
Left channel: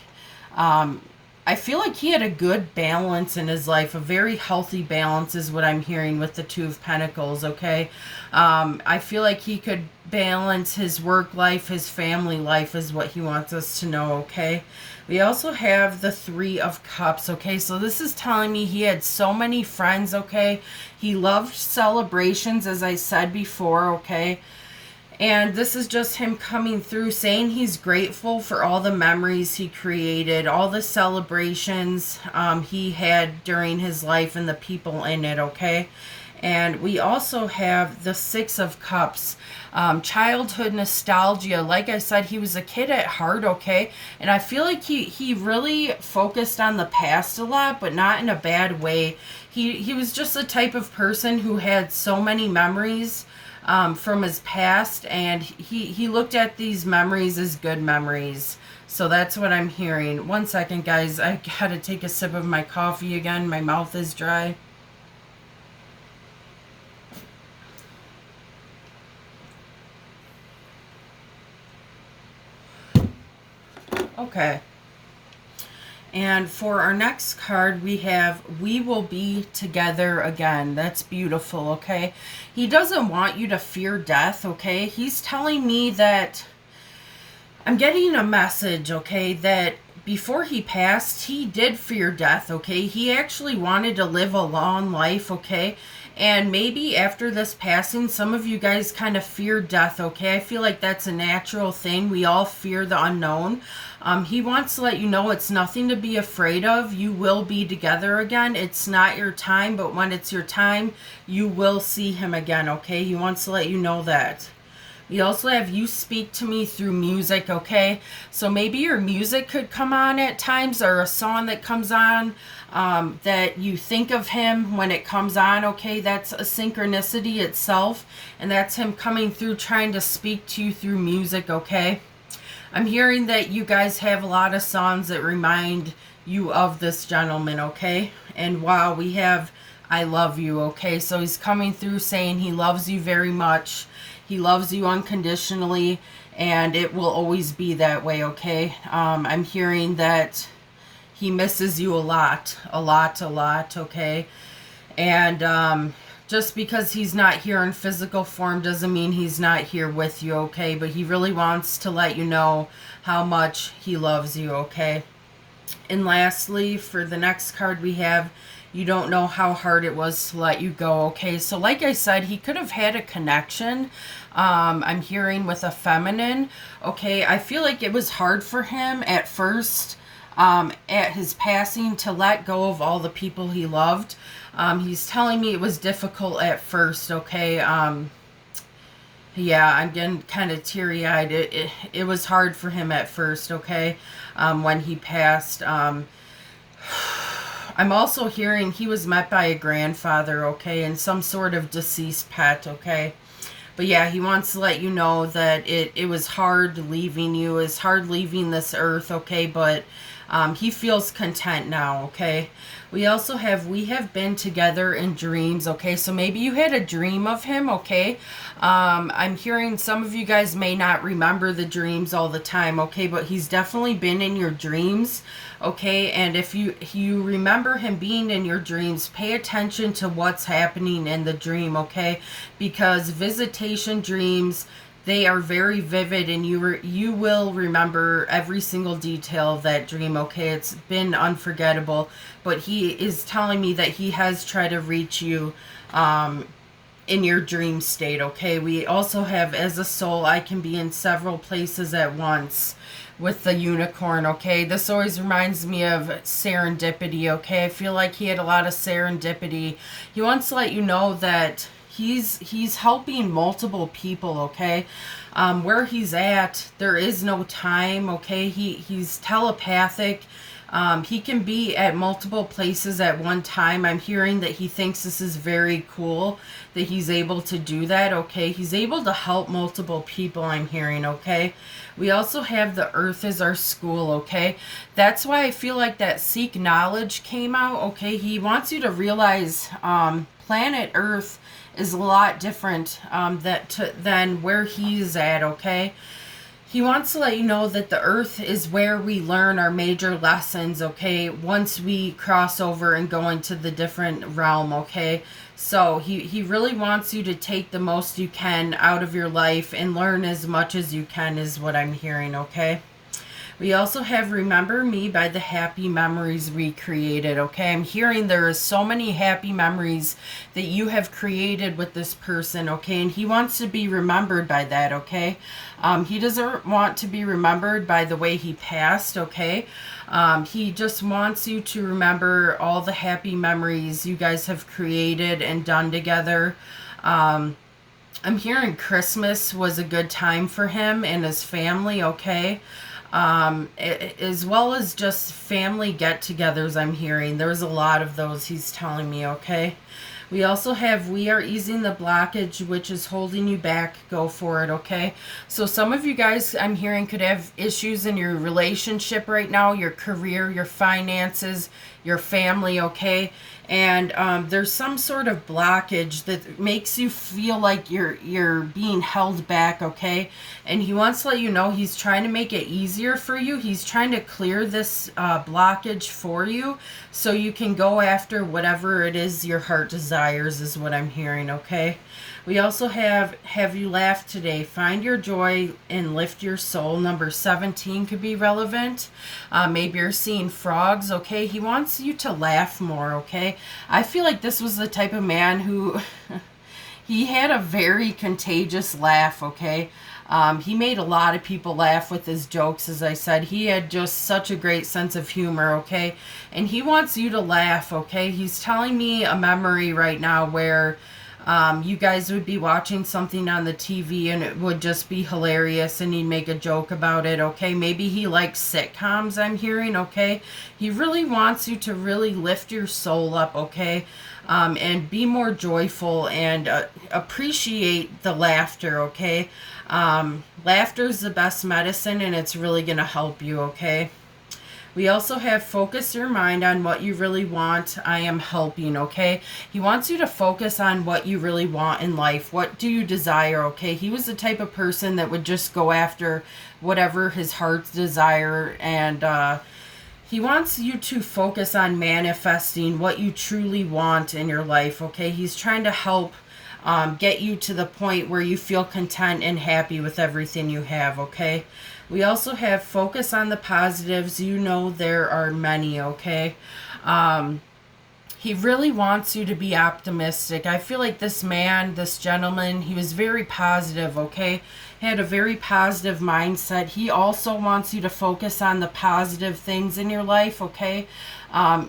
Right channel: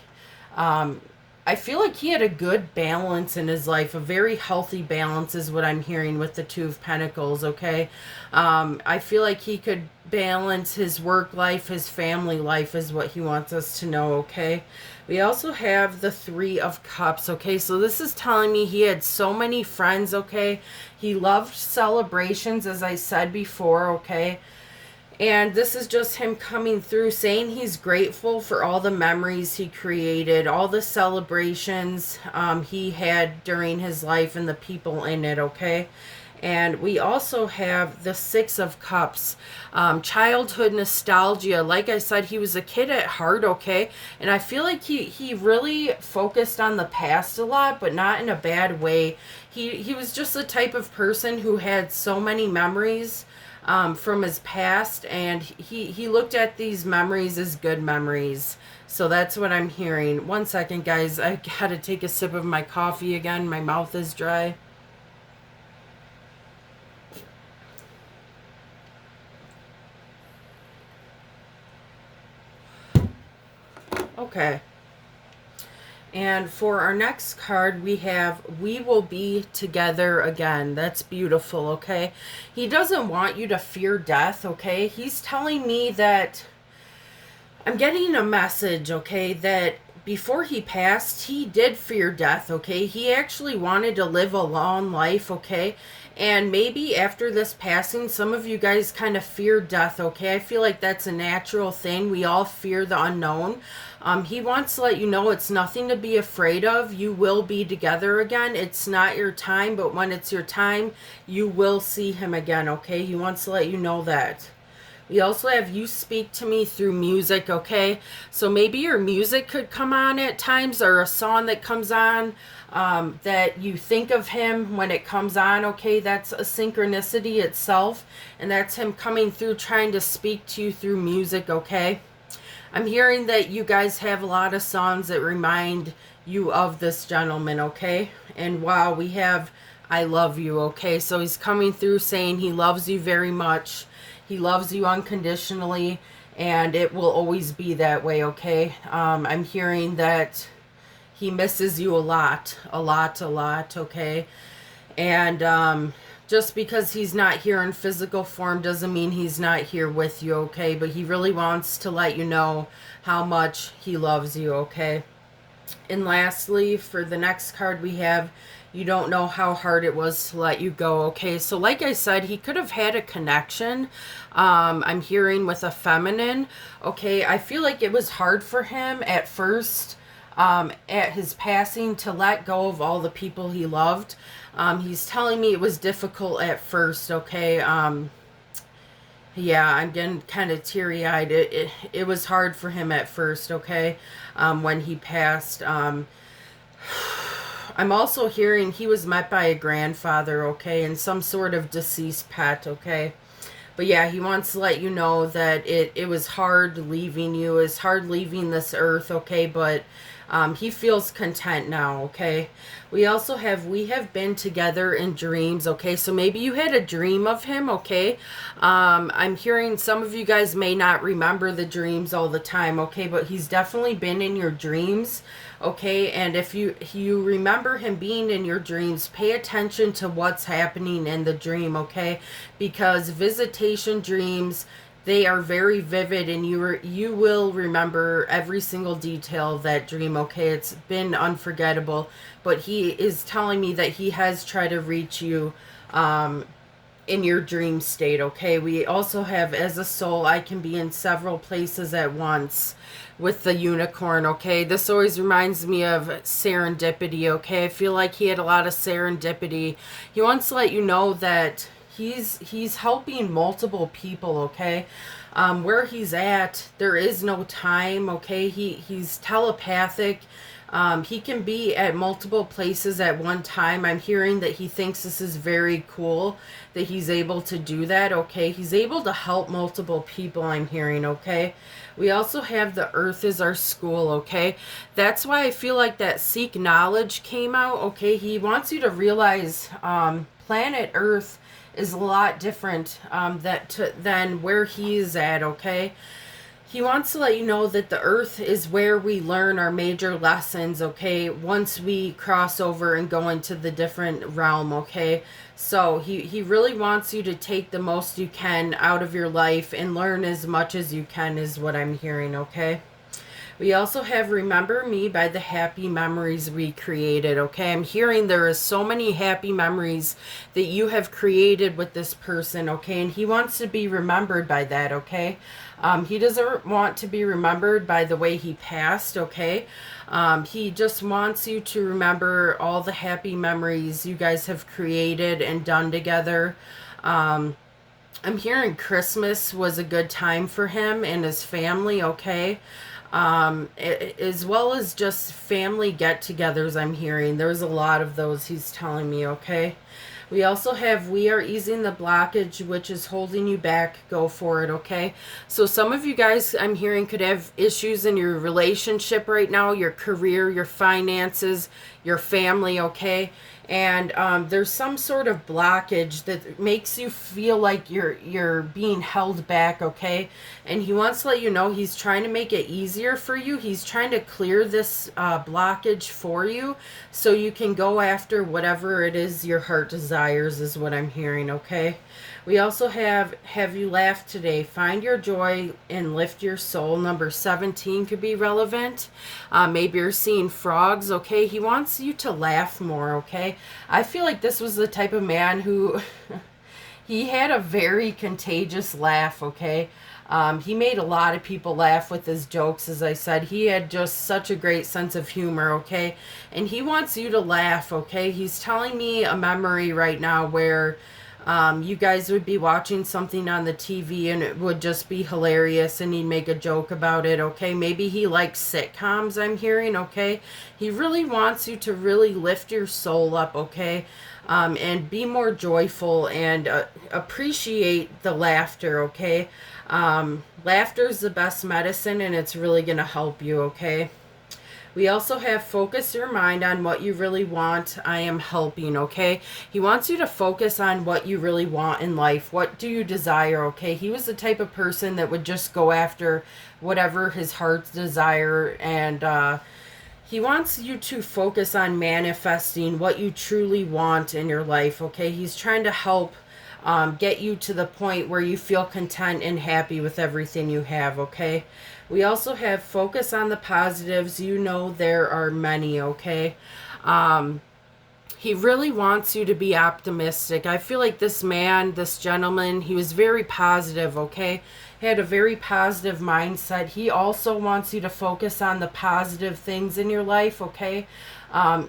I feel like he had a good balance in his life. A very healthy balance is what I'm hearing with the 2 of Pentacles, okay? I feel like he could balance his work life, his family life is what he wants us to know, okay? We also have the 3 of Cups, okay? So this is telling me he had so many friends, okay? He loved celebrations, as I said before, okay? And this is just him coming through saying he's grateful for all the memories he created, all the celebrations he had during his life and the people in it, okay? And we also have the Six of Cups, childhood nostalgia. Like I said, he was a kid at heart, okay? And I feel like he really focused on the past a lot, but not in a bad way. He was just the type of person who had so many memories from his past, and he looked at these memories as good memories. So that's what I'm hearing. One second, guys. I gotta take a sip of my coffee again. My mouth is dry. Okay. And for our next card, we have We Will Be Together Again. That's beautiful, okay? He doesn't want you to fear death, okay? He's telling me that I'm getting a message, okay, that before he passed, he did fear death, okay? He actually wanted to live a long life, okay? And maybe after this passing, some of you guys kind of fear death, okay? I feel like that's a natural thing. We all fear the unknown. He wants to let you know it's nothing to be afraid of. You will be together again. It's not your time, but when it's your time, you will see him again, okay? He wants to let you know that. We also have You Speak to Me Through Music, okay? So maybe your music could come on at times, or a song that comes on that you think of him when it comes on, okay? That's a synchronicity itself, and that's him coming through trying to speak to you through music, okay? I'm hearing that you guys have a lot of songs that remind you of this gentleman, okay? And wow, we have I Love You, okay? So he's coming through saying he loves you very much. He loves you unconditionally, and it will always be that way, okay? I'm hearing that he misses you a lot, okay? And just because he's not here in physical form doesn't mean he's not here with you, okay? But he really wants to let you know how much he loves you, okay? And lastly, for the next card we have, You Don't Know How Hard It Was to Let You Go, okay? So like I said, he could have had a connection, I'm hearing, with a feminine, okay? I feel like it was hard for him at first, at his passing, to let go of all the people he loved. He's telling me it was difficult at first, okay? Yeah, I'm getting kind of teary-eyed. It was hard for him at first, okay? When he passed. I'm also hearing he was met by a grandfather, okay? And some sort of deceased pet, okay? But yeah, he wants to let you know that it was hard leaving you. It's hard leaving this earth, okay? But he feels content now, okay? We also have We Have Been Together in Dreams, okay? So maybe you had a dream of him, okay? I'm hearing some of you guys may not remember the dreams all the time, okay? But he's definitely been in your dreams, okay? And if you remember him being in your dreams, pay attention to what's happening in the dream, okay? Because visitation dreams, they are very vivid, and you will remember every single detail of that dream, okay? It's been unforgettable, but he is telling me that he has tried to reach you in your dream state, okay? We also have As a Soul, I Can Be in Several Places at Once, with the unicorn, okay? This always reminds me of serendipity, okay? I feel like he had a lot of serendipity. He wants to let you know that he's helping multiple people, okay? Where he's at, there is no time, okay? He's telepathic. He can be at multiple places at one time. I'm hearing that he thinks this is very cool that he's able to do that, okay? He's able to help multiple people, I'm hearing, okay? We also have The Earth is Our School, okay? That's why I feel like that Seek Knowledge came out, okay? He wants you to realize planet Earth is a lot different than where he's at, okay? He wants to let you know that the earth is where we learn our major lessons, okay? Once we cross over and go into the different realm, okay? So he really wants you to take the most you can out of your life and learn as much as you can, is what I'm hearing, okay? We also have Remember Me by the Happy Memories Recreated, okay? I'm hearing there is so many happy memories that you have created with this person, okay? And he wants to be remembered by that, okay? He doesn't want to be remembered by the way he passed, okay? He just wants you to remember all the happy memories you guys have created and done together. I'm hearing Christmas was a good time for him and his family, okay? As well as just family get-togethers. I'm hearing there's a lot of those, he's telling me, okay? We also have We Are Easing the Blockage, which is holding you back. Go for it, okay? So some of you guys, I'm hearing, could have issues in your relationship right now, your career, your finances, your family, okay? And there's some sort of blockage that makes you feel like you're being held back, okay? And he wants to let you know he's trying to make it easier for you. He's trying to clear this blockage for you so you can go after whatever it is your heart desires, is what I'm hearing, okay? We also have You Laughed Today? Find your joy and lift your soul. Number 17 could be relevant. Maybe you're seeing frogs, okay? He wants you to laugh more, okay? I feel like this was the type of man who he had a very contagious laugh, okay? He made a lot of people laugh with his jokes, as I said. He had just such a great sense of humor, okay? And he wants you to laugh, okay? He's telling me a memory right now where you guys would be watching something on the TV and it would just be hilarious and he'd make a joke about it, okay? Maybe he likes sitcoms, I'm hearing, okay? He really wants you to really lift your soul up, okay? And be more joyful and appreciate the laughter, okay? Laughter is the best medicine and it's really going to help you, okay? We also have Focus Your Mind on What You Really Want. I Am Helping, okay? He wants you to focus on what you really want in life. What do you desire, okay? He was the type of person that would just go after whatever his heart's desire, and he wants you to focus on manifesting what you truly want in your life, okay? He's trying to help get you to the point where you feel content and happy with everything you have, okay? We also have Focus on the Positives. You know there are many, okay? He really wants you to be optimistic. I feel like this man, this gentleman, he was very positive, okay? He had a very positive mindset. He also wants you to focus on the positive things in your life, okay?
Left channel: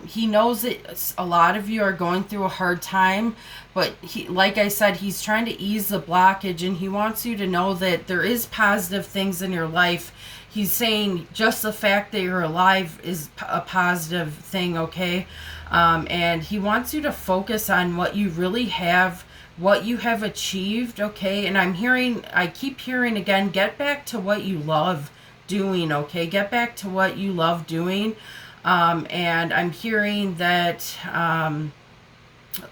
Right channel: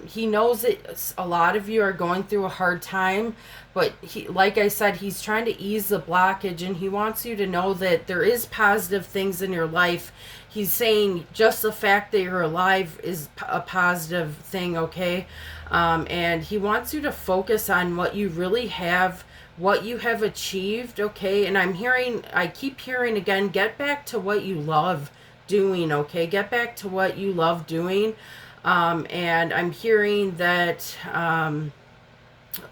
He knows that a lot of you are going through a hard time, but he, like I said, he's trying to ease the blockage and he wants you to know that there is positive things in your life. He's saying just the fact that you're alive is a positive thing, okay? And he wants you to focus on what you really have, what you have achieved, okay? And I keep hearing again, get back to what you love doing, okay? Get back to what you love doing. And I'm hearing that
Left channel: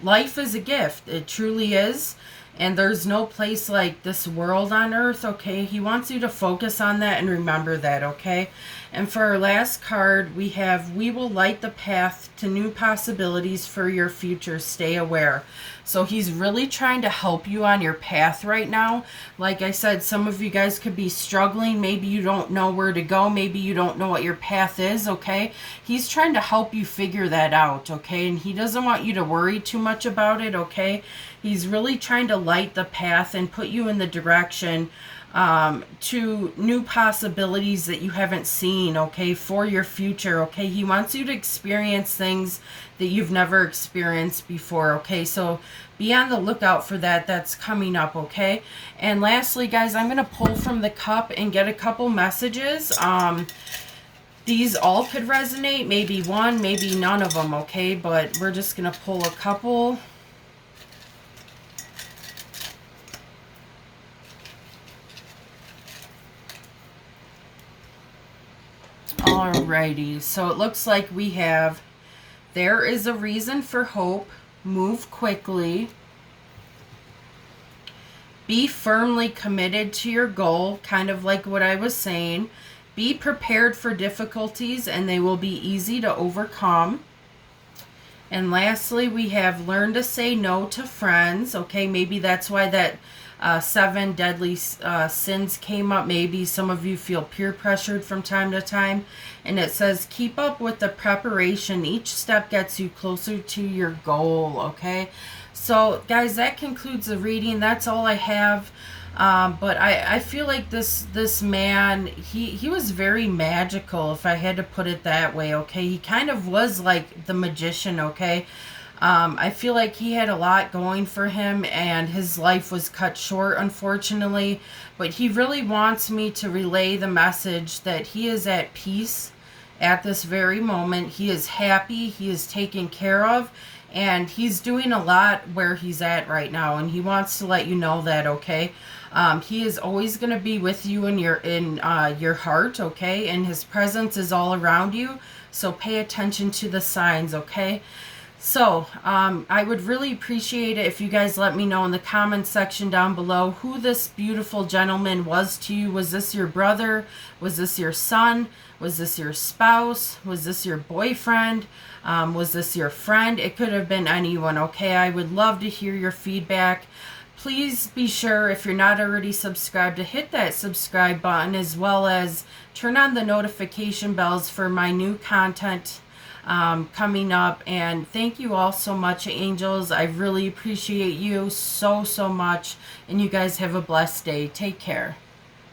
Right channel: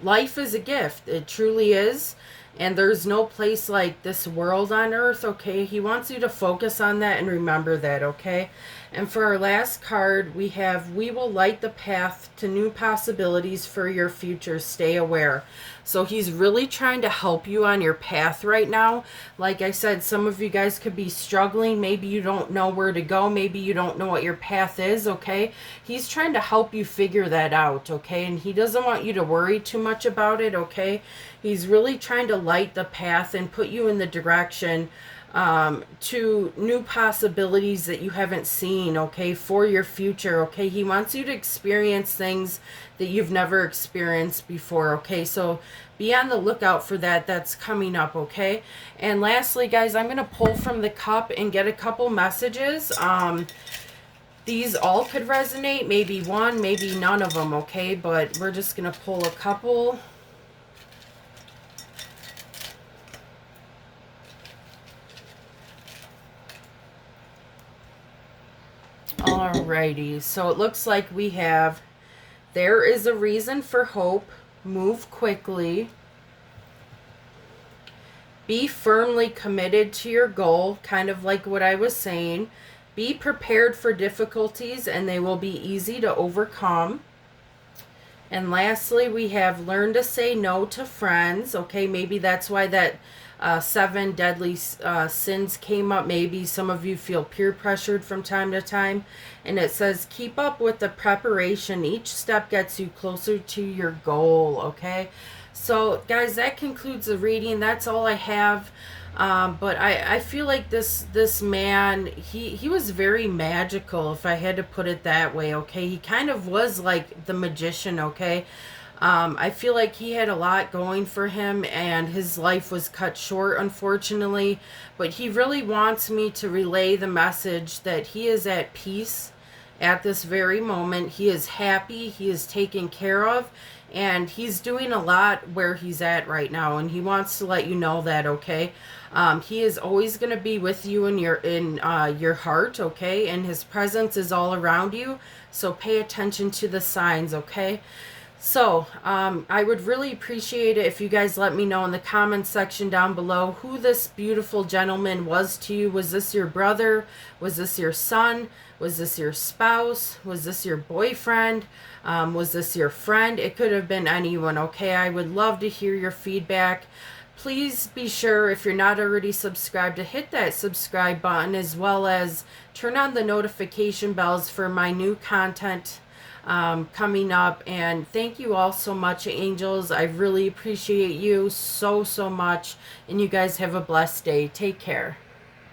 life is a gift. It truly is. And there's no place like this world on earth, okay? He wants you to focus on that and remember that, okay? And for our last card, we have We Will Light the Path to New Possibilities for Your Future. Stay aware. So he's really trying to help you on your path right now. Like I said, some of you guys could be struggling. Maybe you don't know where to go. Maybe you don't know what your path is, okay? He's trying to help you figure that out, okay? And he doesn't want you to worry too much about it, okay? He's really trying to light the path and put you in the direction to new possibilities that you haven't seen, okay, for your future, okay? He wants you to experience things that you've never experienced before, okay? So be on the lookout for that. That's coming up, okay? And lastly, guys, I'm going to pull from the cup and get a couple messages. These all could resonate, maybe one, maybe none of them, okay? But we're just going to pull a couple. Alrighty, so it looks like we have There is a Reason for Hope, Move Quickly, Be Firmly Committed to Your Goal, kind of like what I was saying, Be Prepared for Difficulties and They Will Be Easy to Overcome, And lastly, we have learn to say no to friends. Okay, maybe that's why that seven deadly sins came up. Maybe some of you feel peer pressured from time to time. And it says, keep up with the preparation. Each step gets you closer to your goal. Okay, so guys, that concludes the reading. That's all I have. But I feel like this man, he was very magical, if I had to put it that way. Okay, he kind of was like the magician. Okay, I feel like he had a lot going for him, and his life was cut short, unfortunately. But he really wants me to relay the message that he is at peace at this very moment. He is happy, he is taken care of, and he's doing a lot where he's at right now, and he wants to let you know that. Okay, he is always going to be with you in your heart. Okay, and his presence is all around you, so pay attention to the signs. Okay, so I would really appreciate it if you guys let me know in the comments section down below who this beautiful gentleman was to you. Was this your brother? Was this your son? Was this your spouse? Was this your boyfriend? Was this your friend? It could have been anyone. Okay, I would love to hear your feedback. Please be sure, if you're not already subscribed, to hit that subscribe button, as well as turn on the notification bells for my new content coming up. And thank you all so much, angels. I really appreciate you so much, and you guys have a blessed day. Take care.